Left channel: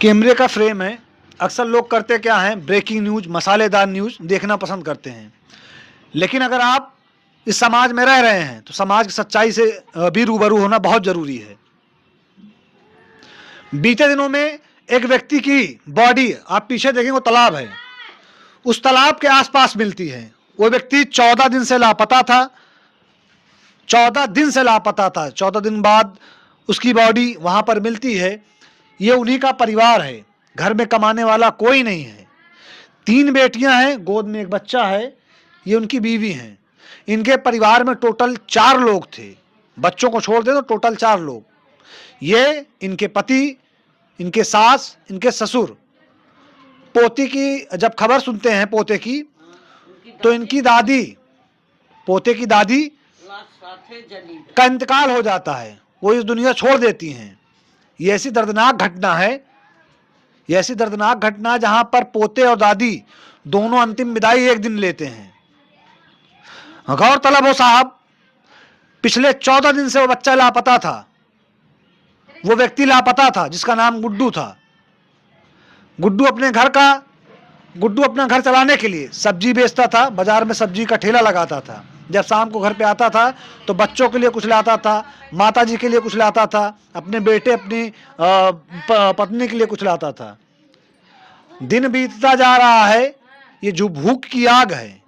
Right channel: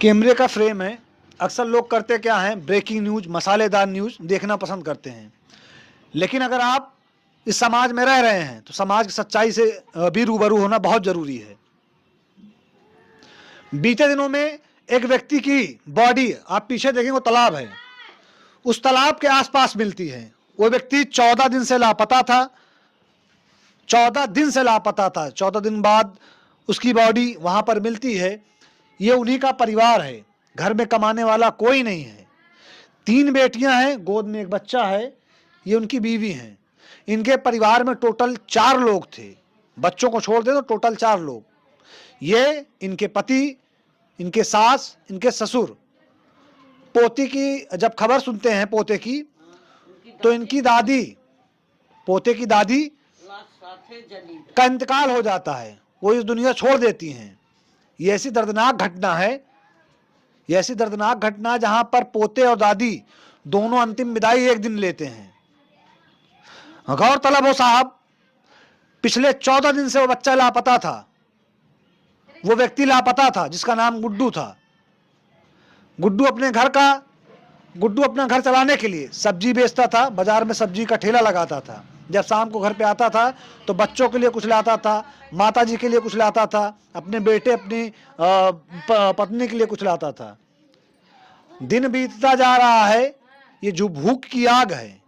कैमरे का फ्रेम है। अक्सर लोग करते क्या हैं, ब्रेकिंग न्यूज़, मसालेदार न्यूज़ देखना पसंद करते हैं। लेकिन अगर आप इस समाज में रह रहे हैं तो समाज की सच्चाई से भी रूबरू होना बहुत ज़रूरी है। बीते दिनों में एक व्यक्ति की बॉडी, आप पीछे देखेंगे वो तालाब है, उस तालाब के आसपास मिलती है। वो व्यक्ति 14 दिन से लापता था। 14 दिन से लापता था। 14 दिन बाद उसकी बॉडी वहाँ पर मिलती है। ये उन्हीं का परिवार है। घर में कमाने वाला कोई नहीं है। 3 बेटियां हैं, गोद में एक बच्चा है। ये उनकी बीवी हैं। इनके परिवार में टोटल 4 लोग थे। बच्चों को छोड़ दे तो टोटल 4 लोग। ये इनके पति, इनके सास, इनके ससुर। पोती की जब खबर सुनते हैं पोते की, तो इनकी दादी, पोते की दादी का इंतकाल हो जाता है। वो इस दुनिया छोड़ देती हैं। ये ऐसी दर्दनाक घटना है, ये ऐसी दर्दनाक घटना है जहां पर पोते और दादी दोनों अंतिम विदाई एक दिन लेते हैं। गौरतलब हो साहब, पिछले 14 दिन से वो बच्चा लापता था। वो व्यक्ति लापता था जिसका नाम गुड्डू था। गुड्डू अपना घर चलाने के लिए सब्जी बेचता था। बाजार में सब्जी का ठेला लगाता था। जब शाम को घर पे आता था तो बच्चों के लिए कुछ लाता था, माताजी के लिए कुछ लाता था, अपने बेटे, अपनी पत्नी के लिए कुछ लाता था। दिन बीतता जा रहा है। ये जो भूख की आग है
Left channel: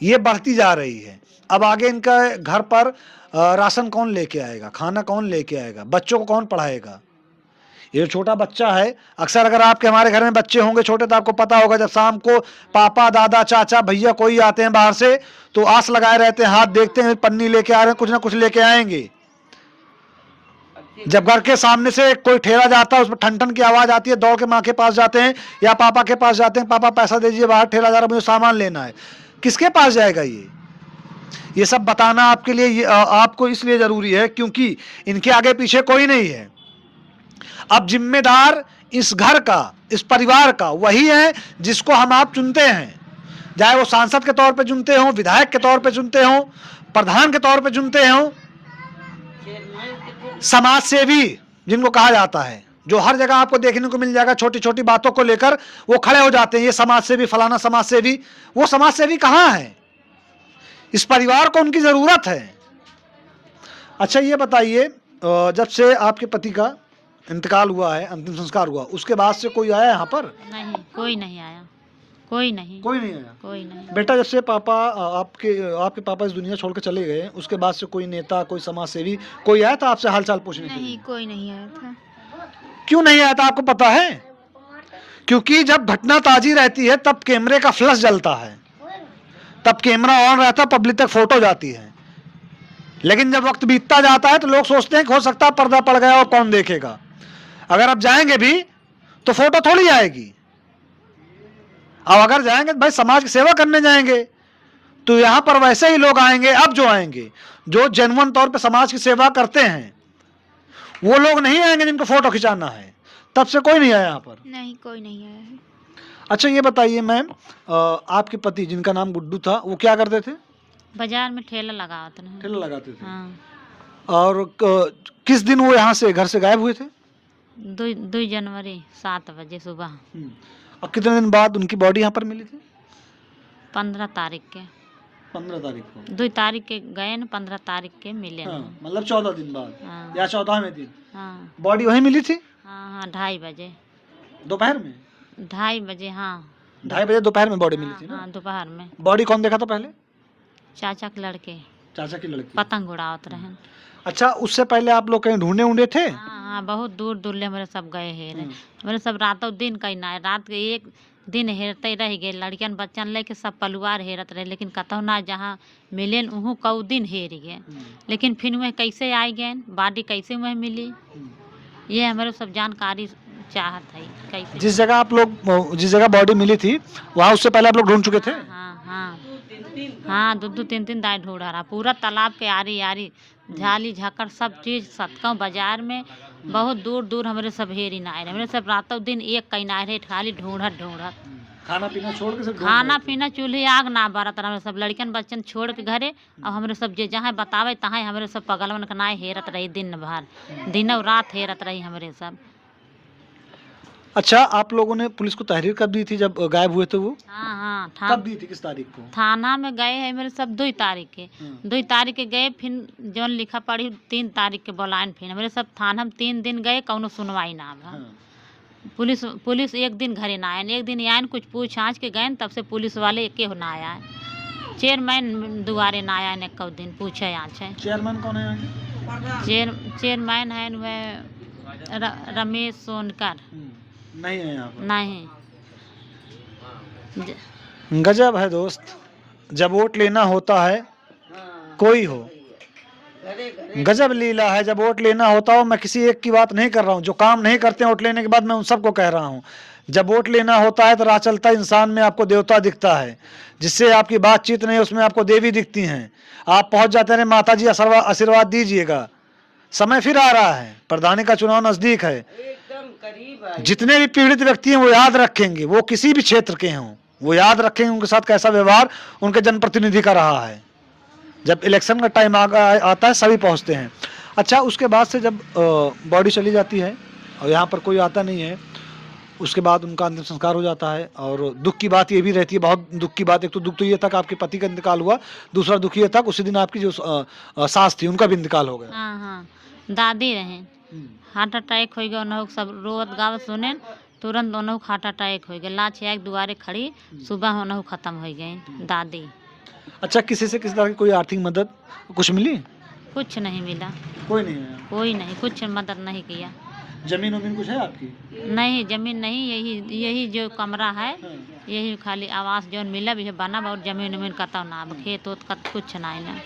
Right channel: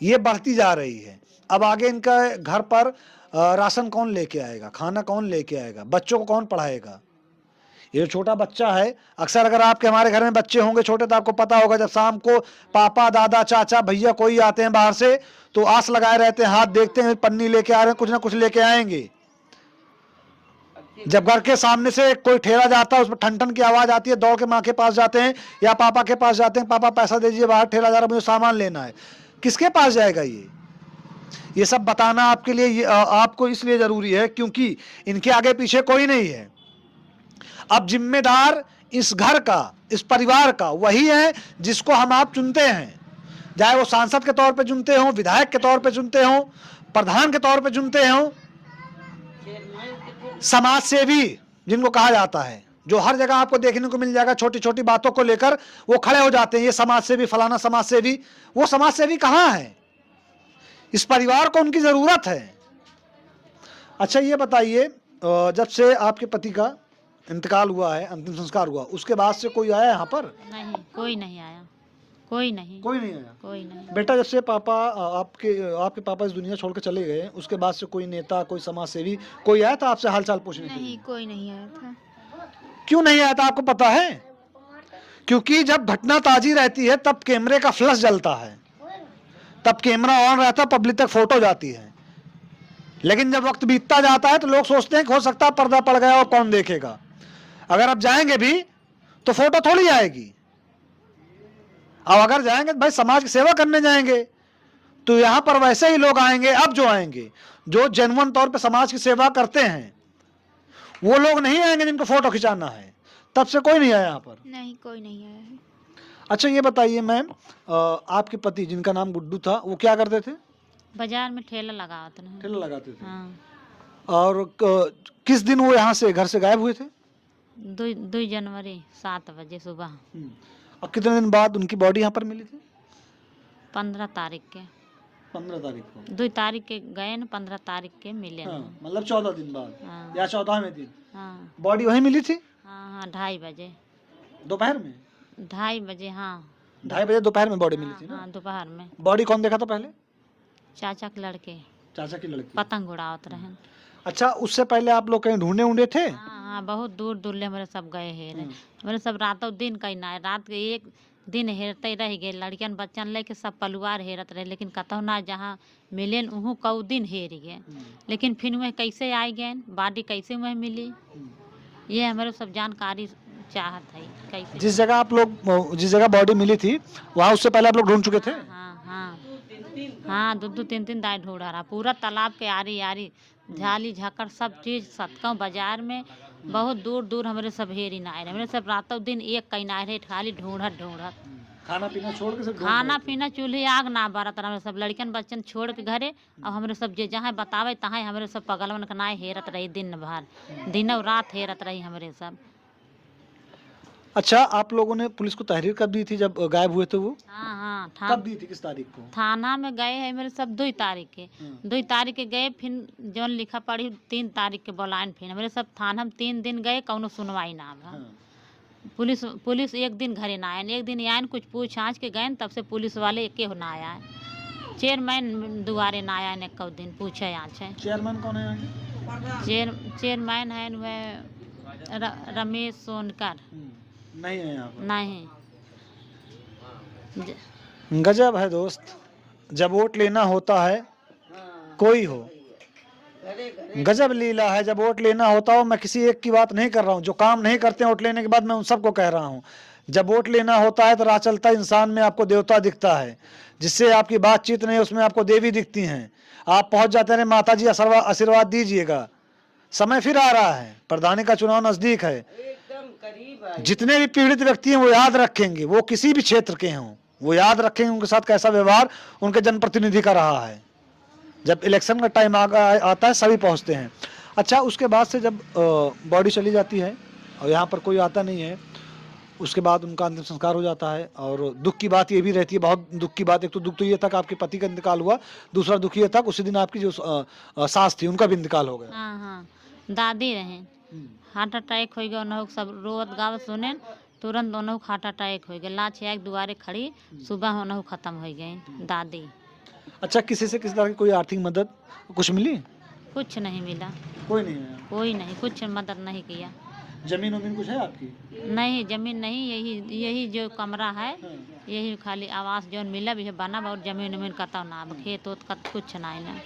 ये बढ़ती जा रही है। अब आगे इनका घर पर राशन कौन लेके आएगा, खाना कौन लेके आएगा, बच्चों को कौन पढ़ाएगा। ये छोटा बच्चा है। अक्सर अगर आपके हमारे घर में बच्चे होंगे छोटे तो आपको पता होगा, जब शाम को पापा, दादा, चाचा, भैया कोई आते हैं बाहर से तो आस लगाए रहते हैं, हाथ देखते हैं, पन्नी लेके आ रहे हैं, कुछ ना कुछ लेके आएंगे। जब घर के सामने से कोई ठेला जाता है, उसमें ठन ठन की आवाज आती है, दौड़ के माँ के पास जाते हैं या पापा के पास जाते हैं, पापा पैसा दीजिए, बाहर ठेला जा रहा है, मुझे सामान लेना है। किसके पास जाएगा ये सब बताना आपके लिए आपको इसलिए जरूरी है क्योंकि इनके आगे पीछे कोई नहीं है। अब जिम्मेदार इस घर का, इस परिवार का वही है जिसको हम आप चुनते हैं। चाहे वो सांसद के तौर पे चुनते हो, विधायक के तौर पे चुनते हो, प्रधान के तौर पे चुनते हो, समाज सेवी जिनको कहा जाता है, जो हर जगह आपको देखने को मिल जाएगा। छोटी छोटी बातों को लेकर वो खड़े हो जाते हैं, ये समाज सेवी, फलाना समाज सेवी। वो समाज सेवी कहाँ है? इस परिवार को उनकी जरूरत है। अच्छा ये बताइए, जब से आपके पति का इंतकाल हुआ है, अंतिम संस्कार हुआ, उसके बाद से कोई आया यहाँ पर? नहीं, कोई नहीं आया। कोई नहीं आया। कोई नहीं। बेटा, जब से पापा आपके पापा इस दुनिया छोड़ के चले गए, उसके बाद से कोई नेता, कोई समाज सेवी कोई आया था आपसे हालचाल पूछने के लिए? नहीं, कोई नहीं आया था। क्यों नहीं आया था आपको पता है? क्योंकि जब घटना ताजी रहती है तब कैमरे का फ्लैश जलता है, तब कैमरा ऑन रहता है, पब्लिक तक फोटो जाती है। लेकिन जब वक्त बीतता जाता है तो लोग सोचते हैं कि हो सकता है पर्दा पड़ गया और कौन देखेगा। अगर आप जाएंगे भी तो फोटो थोड़ी आएगी। अब अगर जाएंगे भाई समाज की सेवा करने जाएंगे तो यहाँ पर वैसे ही लोग आएंगे। अब जो आएंगे जो जेन्युइन तौर पे समाज की सेवा करते हैं वो लोग नहीं आएंगे जिनको फोटो खिंचाना है। तब से कोई नहीं आया यहाँ पर? नहीं, कोई नहीं आया है। अच्छा ये बताइए मैम, आपके पति जिनका नाम गुड्डू था वो क्या करते थे? बाजार में ठेला लगाते हैं। ठेला लगाते थे। हाँ। और किस दिन वो यहाँ से घर से गायब हुए थे? 2 जनवरी 7 बजे सुबह। और कितने दिन बाद उनकी बॉडी यहाँ पर मिली थी? 15 तारीख के। 15 तारीख को। 2 तारीख के गए न, 15 तारीख के मिले। हाँ, मतलब 14 दिन बाद। हाँ। या 14वें दिन। हाँ बॉडी वहीं मिली थी? हाँ, 2:30 बजे। दोपहर में? 2:30 बजे। हाँ, 2:30 बजे दोपहर में बॉडी मिली थी ना? हाँ, दोपहर में। बॉडी कौन देखा था पहले? चाचा के लड़के चाचा की लड़की। पतंग उड़ावत रहे। अच्छा, उससे पहले आप लोग कहीं ढूंढे थे? हाँ, बहुत दूर दूर ले हमारे सब गए हेरे। हमारे सब रातों दिन कहीं ना, रात के एक दिन हेरते रह गए। लड़कियन बच्चन लेके सब परिवार हेरत रहे, लेकिन कतौ ना जहाँ मिले उहू कऊ दिन हेर गए। लेकिन फिर वह कैसे आए गए, बॉडी कैसे वह मिली, ये हमारे सब जानकारी चाहत है। कैसे जिस जगह बॉडी मिली थी वहाँ उससे पहले आप लोग ढूंढ चुके थे? हाँ हाँ हाँ, 2-3 दाई ढूंढा रहा। पूरा तालाब के आरी आरी झाली झाकड़ सब चीज सतका बाजार में बहुत दूर दूर हमारे सब हेरी ना आए। हमारे सब रातों दिन एक कहीं ना रहे, खाली ढूंढत ढूंढत। खाना पीना छोड़ के? खाना पीना चूल्हे आग ना बरत रहा। सब लड़कन बच्चन छोड़ के घरे, और हमारे सब जे जहाँ बतावे तहाँ हमारे सब पगलवन के नाय हेरत रही। दिन भर दिन और रात हेरत रही हमारे सब। अच्छा, आप लोगों ने पुलिस को तहरीर कब दी थी जब गायब हुए थे वो? हाँ हाँ कब दी थी, किस तारीख को? थाना में गए हैं मेरे सब 2 तारीख के। 2 तारीख के गए, फिर जौन लिखा पढ़ी 3 तारीख के बोलाइन, फिर मेरे सब थाना में 3 दिन गए, कौनो सुनवाई ना भा। पुलिस पुलिस एक दिन घरे ना आयन, एक दिन आयन कुछ पूछ आँच के गए, तब से पुलिस वाले एके हो ना आया। चेयरमैन दुआरे ना आया एक दिन पूछे आँच है। चेयरमैन कौन है यहाँ चेयरमैन है वह रमेश सोनकर। नहीं है यहाँ पर? नहीं। गजब है दोस्त, जब वोट लेना होता है कोई हो, गजब लीला है। जब वोट लेना होता हो, मैं किसी एक की बात नहीं कर रहा हूँ, जो काम नहीं करते वोट लेने के बाद मैं उन सबको कह रहा हूँ। जब वोट लेना होता है तो राह चलता इंसान में आपको देवता दिखता है, जिससे आपकी बातचीत नहीं उसमें आपको देवी दिखती हैं। आप पहुंच जाते हैं, माता जी आशीर्वाद दीजिएगा, समय फिर आ रहा है, प्रधानी का चुनाव नजदीक है। जितने भी पीड़ित व्यक्ति हैं वो याद रखेंगे, वो किसी भी क्षेत्र के हों, वो याद रखेंगे उनके साथ कैसा व्यवहार उनके जनप्रतिनिधि का रहा है। जब इलेक्शन का टाइम आता है सभी पहुंचते हैं। अच्छा, उसके बाद से जब बॉडी चली जाती है और यहाँ पर कोई आता नहीं है, उसके बाद उनका अंतिम संस्कार हो जाता है। और दुख की बात ये भी रहती है, बहुत दुख की बात, एक तो दुख तो ये था कि आपके पति का इंतकाल हुआ, दूसरा दुख ये था उसी दिन आपकी जो सास थी उनका भी इंतकाल हो गया। हाँ हाँ, दादी रहे, हार्ट अटैक हो गया, उन्होंने सब रोवत गावत सुने, तुरंत उन्होंने हार्ट अटैक हो गया, लाच एक दुआरे खड़ी, सुबह उन्होंने खत्म हो गई दादी। अच्छा, किसी से किसी तरह की कोई आर्थिक मदद कुछ मिली? कुछ नहीं मिला, कोई नहीं है? कोई नहीं, कुछ मदद नहीं किया। जमीन वमीन कुछ है आपकी? नहीं, जमीन नहीं, यही जो कमरा है, यही खाली आवास जो मिला भी बना, और जमीन वमीन कतौ ना, खेत उत कुछ नहीं ना,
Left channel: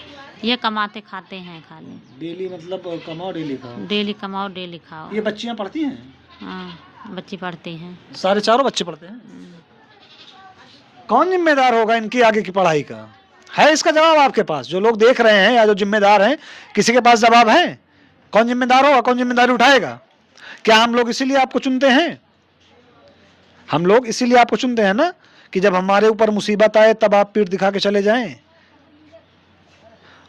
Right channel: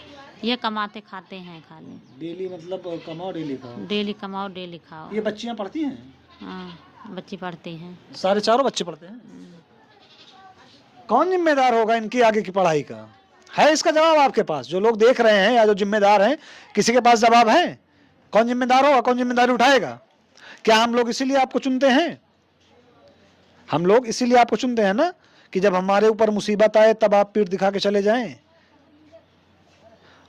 ये कमाते खाते हैं खाली। डेली मतलब कमाओ डेली खाओ? डेली कमाओ डेली खाओ। ये बच्चियां पढ़ती हैं? हाँ, बच्ची पढ़ती हैं, सारे चारों बच्चे पढ़ते हैं? कौन जिम्मेदार होगा इनकी आगे की पढ़ाई का? है इसका जवाब आपके पास? जो लोग देख रहे हैं या जो जिम्मेदार हैं, किसी के पास जवाब है? कौन जिम्मेदार होगा, कौन जिम्मेदारी उठाएगा? क्या हम लोग इसीलिए आपको चुनते हैं? हम लोग इसीलिए आपको चुनते हैं ना, कि जब हमारे ऊपर मुसीबत आए तब आप पीठ दिखा के चले जाएं।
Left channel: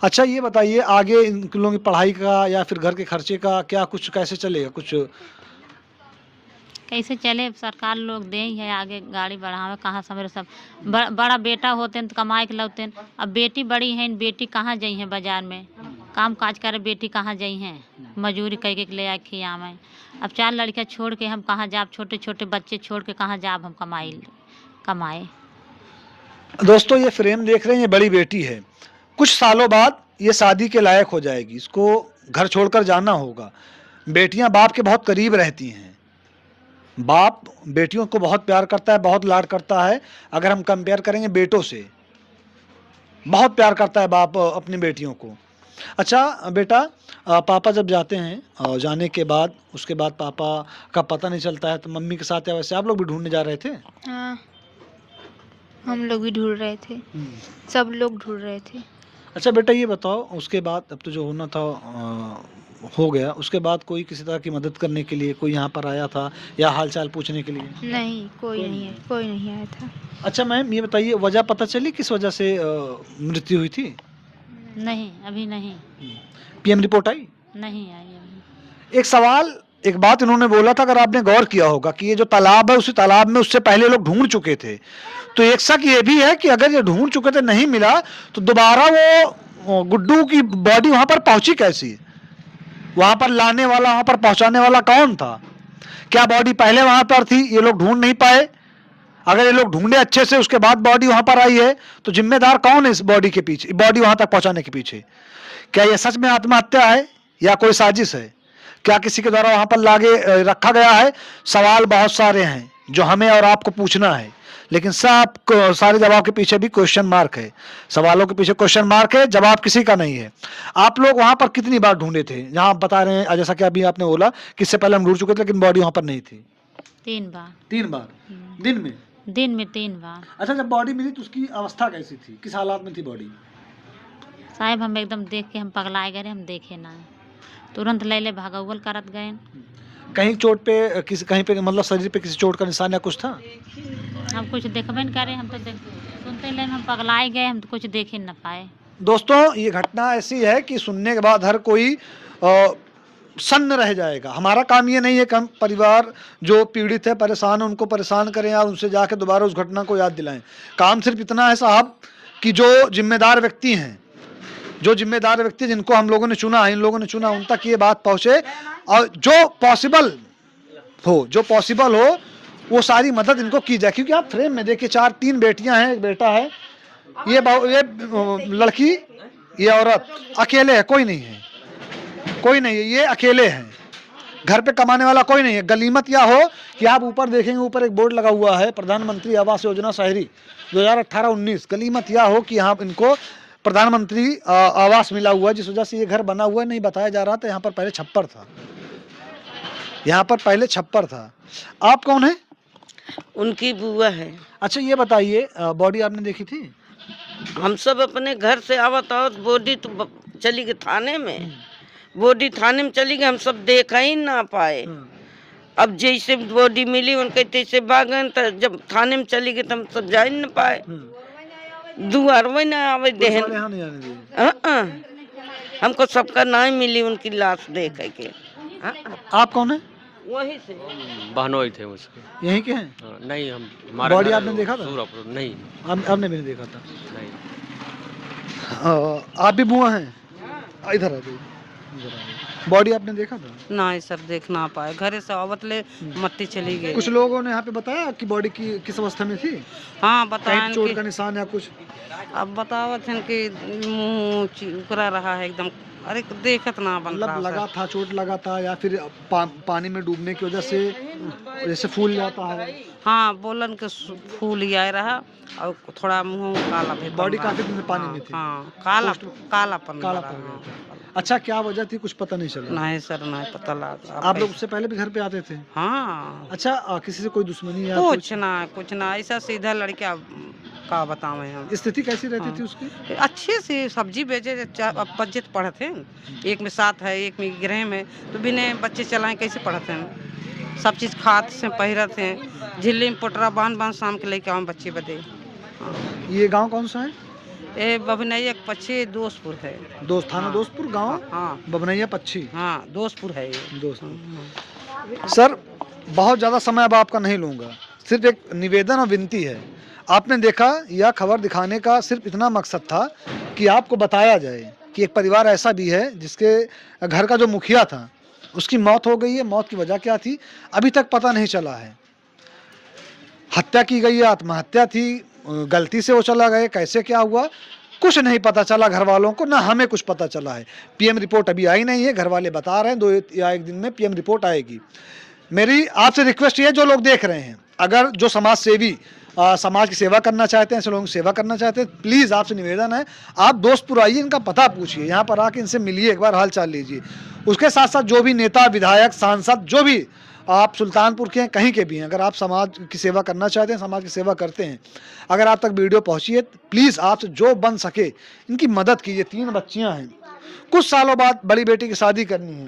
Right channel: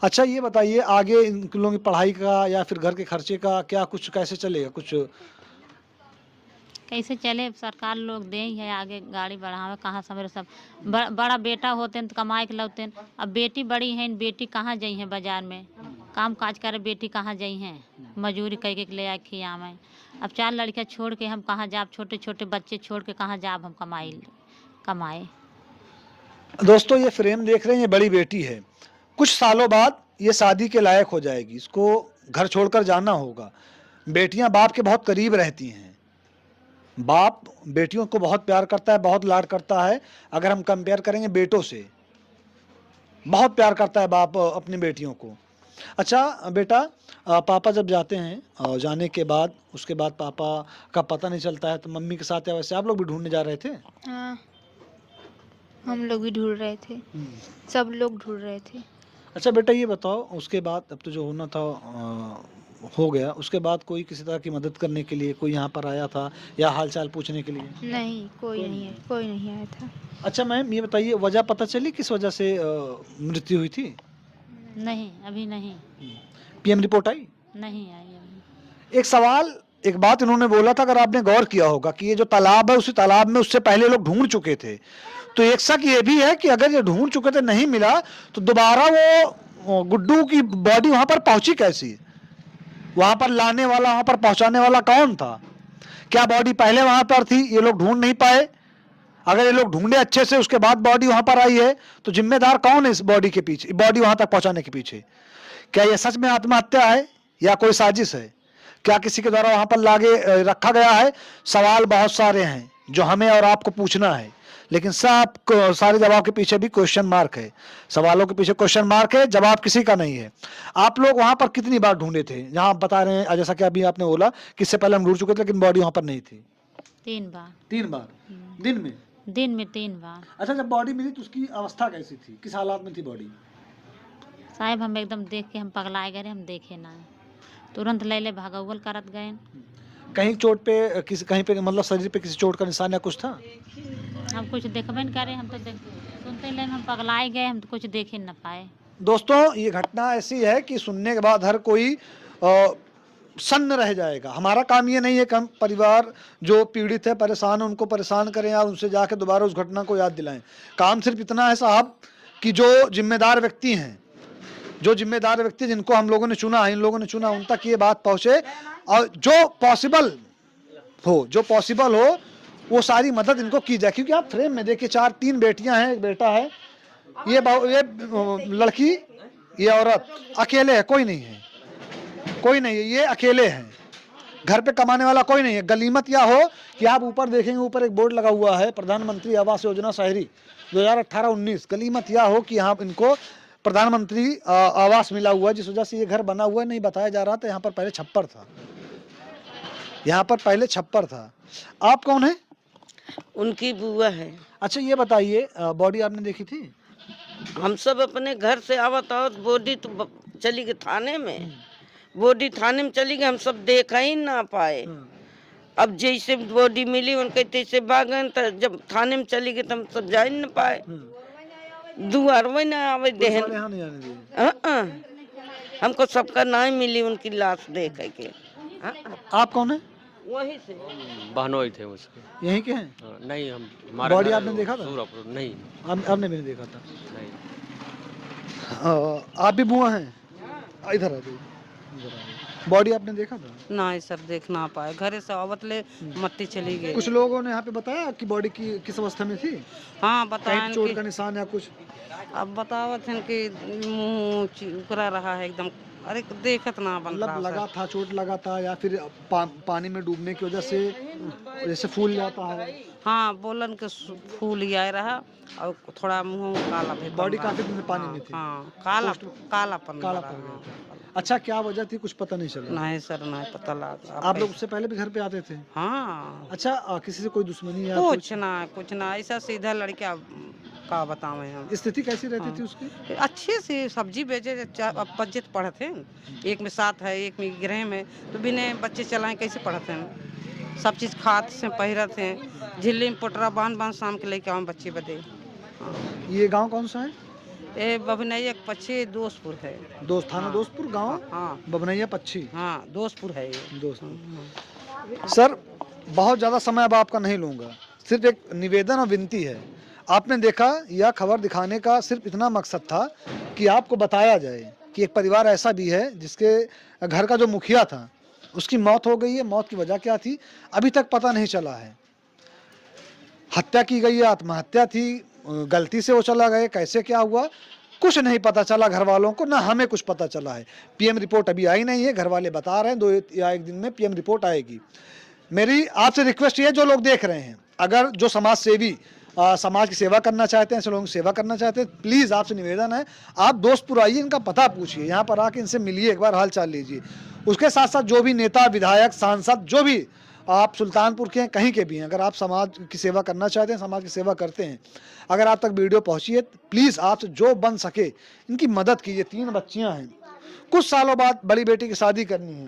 अच्छा, ये बताइए आगे इन लोगों की पढ़ाई का या फिर घर के खर्चे का क्या कुछ कैसे चलेगा? कुछ कैसे चले, सरकार लोग दे ही है, आगे गाड़ी बढ़ावे कहाँ से मेरे सब बड़ा बेटा होते तो कमाए के लौते, अब बेटी बड़ी है, बेटी कहाँ जाई हैं बाजार में काम काज करे, बेटी कहाँ जाई हैं मजूरी कह के ले आए खियावे। अब 4 लड़कियाँ छोड़ के हम कहाँ जाब, छोटे छोटे बच्चे छोड़ के कहाँ जाब हम कमाए। दोस्तों, ये फ्रेम देख रहे हैं, ये बड़ी बेटी है, कुछ सालों बाद ये शादी के लायक हो जाएगी, इसको घर छोड़कर जाना होगा। बेटियां बाप के बहुत करीब रहती हैं, बाप बेटियों को बहुत प्यार करता है, बहुत लाड करता है। अगर हम कंपेयर करेंगे बेटों से, बहुत प्यार करता है बाप अपनी बेटियों को। अच्छा बेटा, पापा जब जाते हैं और जाने के बाद उसके बाद पापा का पता नहीं चलता है, तो मम्मी के साथ या वैसे आप लोग भी ढूंढने जा रहे थे? हाँ, हम लोग भी ढूंढ रहे थे, सब लोग ढूंढ रहे थे। अच्छा बेटा, ये बताओ उसके बाद अब तो जो होना था हो गया, उसके बाद कोई किसी तरह की मदद करने के लिए कोई यहाँ पर आया था या हालचाल पूछने के लिए? नहीं, कोई नहीं आया था। अच्छा मैम, ये बताइए वजह पता चली किस वजह से मृत्यु हुई थी? नहीं, अभी नहीं। पीएम रिपोर्ट आई? नहीं आई अभी। एक सवाल, एक बात इन्होंने बोला था, अगर आपने गौर किया होगा कि ये जो तालाब है, उसी तालाब में उससे पहले लोग ढूंढ चुके थे। तो एक शक ये भी है कि अगर ये ढूंढ चुके थे, नहीं मिला, तो दोबारा वो गुड्डू की बॉडी वहां पर पहुंची कैसी? वहां पर लाने वाला, वहां पर पहुंचाने वाला कौन था? क्या बॉडी पहले वहां पर थी, ये लोग ढूंढ नहीं पाए? अगर ये लोग ढूंढे अच्छे से, उसके बाद बॉडी वहां पर आई है, तो जिम्मेदार कौन है इस बॉडी के पीछे, बॉडी वहां तक पहुंचाने के पीछे? क्या यह सच में आत्महत्या है या कोई साजिश है? क्या किसी के द्वारा वहां पर लागे रखा गया है? सवाल बहुत सारे हैं जो हमें और आपको पूछना है, लेकिन सब सारे जवाब के पीछे भी क्वेश्चन मार्क है। सवालों के पीछे क्वेश्चन मार्क है, जवाब किसी का नहीं है। आप लोग वहां पर कितनी बार ढूंढे थे, जहां आप बता रहे हैं, जैसा कि अभी आपने बोला कि इससे पहले हम ढूंढ चुके थे लेकिन बॉडी वहां पर नहीं थी? 3 बार। 3 बार दिन में? दिन में 3 बार। अच्छा, जब बॉडी मिली तो उसकी अवस्था कैसी थी, किस हालात में थी बॉडी? साहब हम एकदम देख के हम पगलाए गए, हम देखे ना, तुरंत ले ले भागौल करत गए। कहीं चोट पे, किसी कहीं पे मतलब शरीर पे किसी चोट का निशान या कुछ था? हम कुछ देखबे न करे, हम तो सुनते ले हम पगलाए गए, हम तो कुछ देख ही न पाए। दोस्तों, ये घटना ऐसी है कि सुनने के बाद हर कोई सन्न रह जाएगा। हमारा काम ये नहीं है कि हम परिवार जो पीड़ित है, परेशान है, उनको परेशान करें या उनसे जाके दोबारा उस घटना को याद दिलाएं। काम सिर्फ इतना है साहब कि जो जिम्मेदार व्यक्ति हैं, जो जिम्मेदार व्यक्ति जिनको हम लोगों ने चुना है, इन लोगों ने चुना, उन तक ये बात पहुंचे और जो पॉसिबल हो वो सारी मदद इनको की जाए। क्योंकि आप फ्रेम में देखिए 3 बेटियां हैं, एक बेटा है, ये लड़की, ये औरत अकेले है, कोई नहीं है, ये अकेले हैं, घर पे कमाने वाला कोई नहीं है। गलीमत या हो कि आप ऊपर देखेंगे, ऊपर एक बोर्ड लगा हुआ है प्रधानमंत्री आवास योजना शहरी 2018-19। गलीमत या हो कि यहाँ इनको प्रधानमंत्री आवास मिला हुआ है, जिस वजह से ये घर बना हुआ है। नहीं बताया जा रहा था, यहाँ पर पहले छप्पर था। आप कौन है? उनकी बुआ है। अच्छा ये बताइए, बॉडी आपने देखी थी? हम सब अपने घर से आवत बॉडी तो चली गई थाने में, बॉडी थाने में चली गई, हम सब देखा ही ना पाए। अब जैसे बॉडी मिली उनके तैसे भागन, तो जब थाने में चली गई तो हम सब जा ही ना पाए। दुआर में ना आवे देहन, हमको सबका नाम मिली उनकी लाश देख के। आप कौन है? वहीं से बहनोई थे उसके। यहीं के हैं? नहीं, हम बॉडी आपने देखा था? नहीं, आपने भी नहीं देखा था? नहीं। आप भी बुआ हैं? इधर आ जाइए। बॉडी आपने देखा था? नहीं सर, देख ना पाए, घरे से आवत ले मट्टी चली गई। कुछ लोगों ने यहाँ पे बताया कि बॉडी की किस अवस्था में थी? हाँ बताया, चोट का निशान या कुछ? अब बतावत हैं कि मुँह उकरा रहा है एकदम। अरे देखत ना बन रहा लगा था, चोट लगा था या फिर पानी में डूबने की वजह से जैसे फूल जाता है? हाँ, बोलन के फूल आए रहा और थोड़ा मुँह काला भी। बॉडी काफी दिन पानी में थी? हाँ, कालापन। अच्छा, क्या वजह थी कुछ पता नहीं चला? नहीं सर, नहीं पता लगा। आप लोग उससे पहले भी घर पे आते थे? हाँ। अच्छा, किसी से कोई दुश्मनी या कुछ ना, ऐसा सीधा लड़का का बतावे हम। स्थिति कैसी रहती थी उसकी? अच्छे से सब्जी बेचे, बच्चे तो पढ़ते हैं, एक में 7 है, एक में गृह में, तो बिना बच्चे चलाए कैसे पढ़ते हैं? सब चीज़ खाते से पहिरते हैं, झिल्ली में पोटरा बांध शाम के लेके आऊँ बच्चे बदे। ये गांव कौन सा है? ये बभनैया पक्षी दोस्तपुर है। थाना दोस्तपुर, गांव हाँ बभनैया पक्षी। हाँ, दोस्तपुर है ये। दोस्तपुर। सर, बहुत ज़्यादा समय अब आपका नहीं लूँगा, सिर्फ एक निवेदन और विनती है। आपने देखा, यह खबर दिखाने का सिर्फ इतना मकसद था कि आपको बताया जाए कि एक परिवार ऐसा भी है जिसके घर का जो मुखिया था उसकी मौत हो गई है। मौत की वजह क्या थी अभी तक पता नहीं चला है। हत्या की गई है, आत्महत्या थी, गलती से वो चला गए, कैसे क्या हुआ कुछ नहीं पता चला घर वालों को, ना हमें कुछ पता चला है। पीएम रिपोर्ट अभी आई नहीं है, घर वाले बता रहे हैं 2 या 1 दिन में पीएम रिपोर्ट आएगी। मेरी आपसे रिक्वेस्ट ये, जो लोग देख रहे हैं, अगर जो समाज सेवी समाज की सेवा करना चाहते हैं, ऐसे लोगों की सेवा करना चाहते हैं, प्लीज़ आपसे निवेदन है, आप दोस्तपुर आइए, इनका पता पूछिए, यहाँ पर आके इनसे मिलिए, एक बार हाल चाल लीजिए। उसके साथ साथ जो भी नेता, विधायक, सांसद, जो भी आप सुल्तानपुर के हैं, कहीं के भी हैं, अगर आप समाज की सेवा करना चाहते हैं, समाज की सेवा करते हैं, अगर आप तक वीडियो पहुँची है, प्लीज़ आपसे जो बन सके इनकी मदद कीजिए। 3 बच्चियाँ हैं, कुछ सालों बाद बड़ी बेटी की शादी करनी है।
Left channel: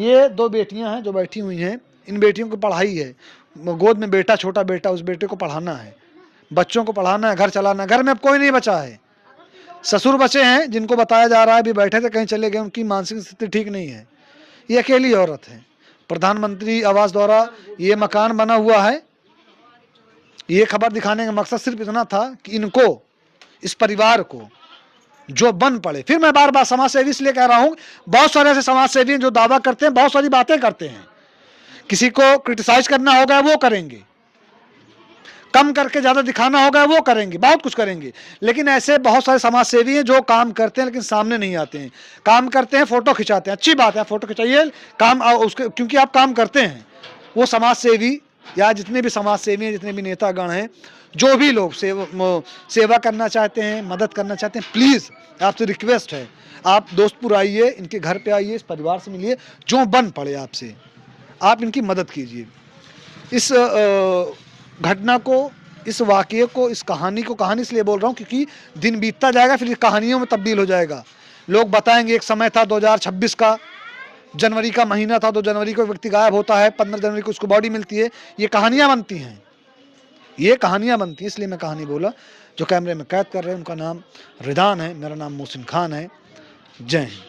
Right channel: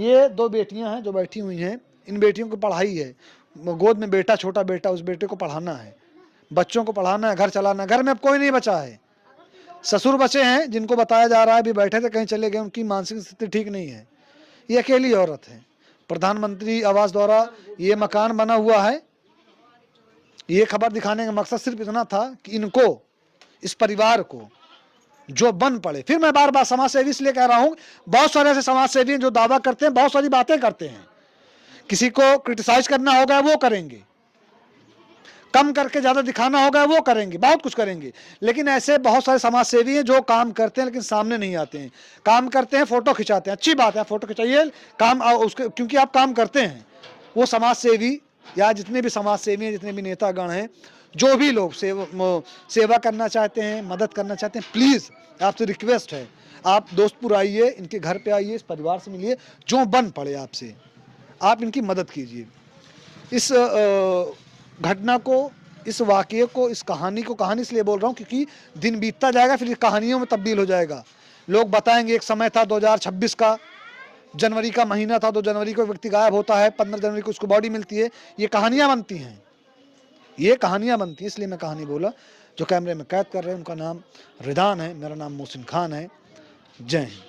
ये 2 बेटियाँ हैं जो बैठी हुई हैं, इन बेटियों की पढ़ाई है, गोद में बेटा, छोटा बेटा, उस बेटे को पढ़ाना है, बच्चों को पढ़ाना है, घर चलाना है। घर में अब कोई नहीं बचा है, ससुर बचे हैं जिनको बताया जा रहा है अभी बैठे थे, कहीं चले गए, उनकी मानसिक स्थिति ठीक नहीं है। ये अकेली औरत है। प्रधानमंत्री आवास द्वारा ये मकान बना हुआ है। ये खबर दिखाने का मकसद सिर्फ इतना था कि इनको, इस परिवार को जो बन पड़े। फिर मैं बार बार समाज सेवी इसलिए कह रहा हूँ, बहुत सारे ऐसे समाज सेवी जो दावा करते हैं, बहुत सारी बातें करते हैं, किसी को क्रिटिसाइज करना होगा वो करेंगे, कम करके ज़्यादा दिखाना होगा वो करेंगे, बहुत कुछ करेंगे, लेकिन ऐसे बहुत सारे समाज सेवी हैं जो काम करते हैं लेकिन सामने नहीं आते हैं। काम करते हैं, फोटो खिंचाते हैं, अच्छी बात है, फोटो खिंचाइए, काम उसके, क्योंकि आप काम करते हैं। वो समाज सेवी या जितने भी समाज सेवी हैं, जितने भी नेतागण हैं, जो भी लोग सेवा करना चाहते हैं, मदद करना चाहते हैं, प्लीज़ आपसे रिक्वेस्ट है, आप दोस्तपुर आइए, इनके घर पे आइए, इस परिवार से मिलिए, जो बन पड़े आपसे, आप इनकी मदद कीजिए। इस घटना को, इस वाक़ये को, इस कहानी को कहानी इसलिए बोल रहा हूँ क्योंकि दिन बीतता जाएगा, फिर कहानियों में तब्दील हो जाएगा। लोग बताएंगे एक समय था 2026 का, जनवरी का महीना था, 2 जनवरी को व्यक्ति गायब होता है, 15 जनवरी को उसको बॉडी मिलती है। ये कहानियाँ बनती हैं, ये कहानियाँ बनती हैं, इसलिए मैं कहानी बोला। जो कैमरे में कैद कर रहे हैं उनका नाम रिदान है, मेरा नाम मोहसिन खान है। जय हिंद।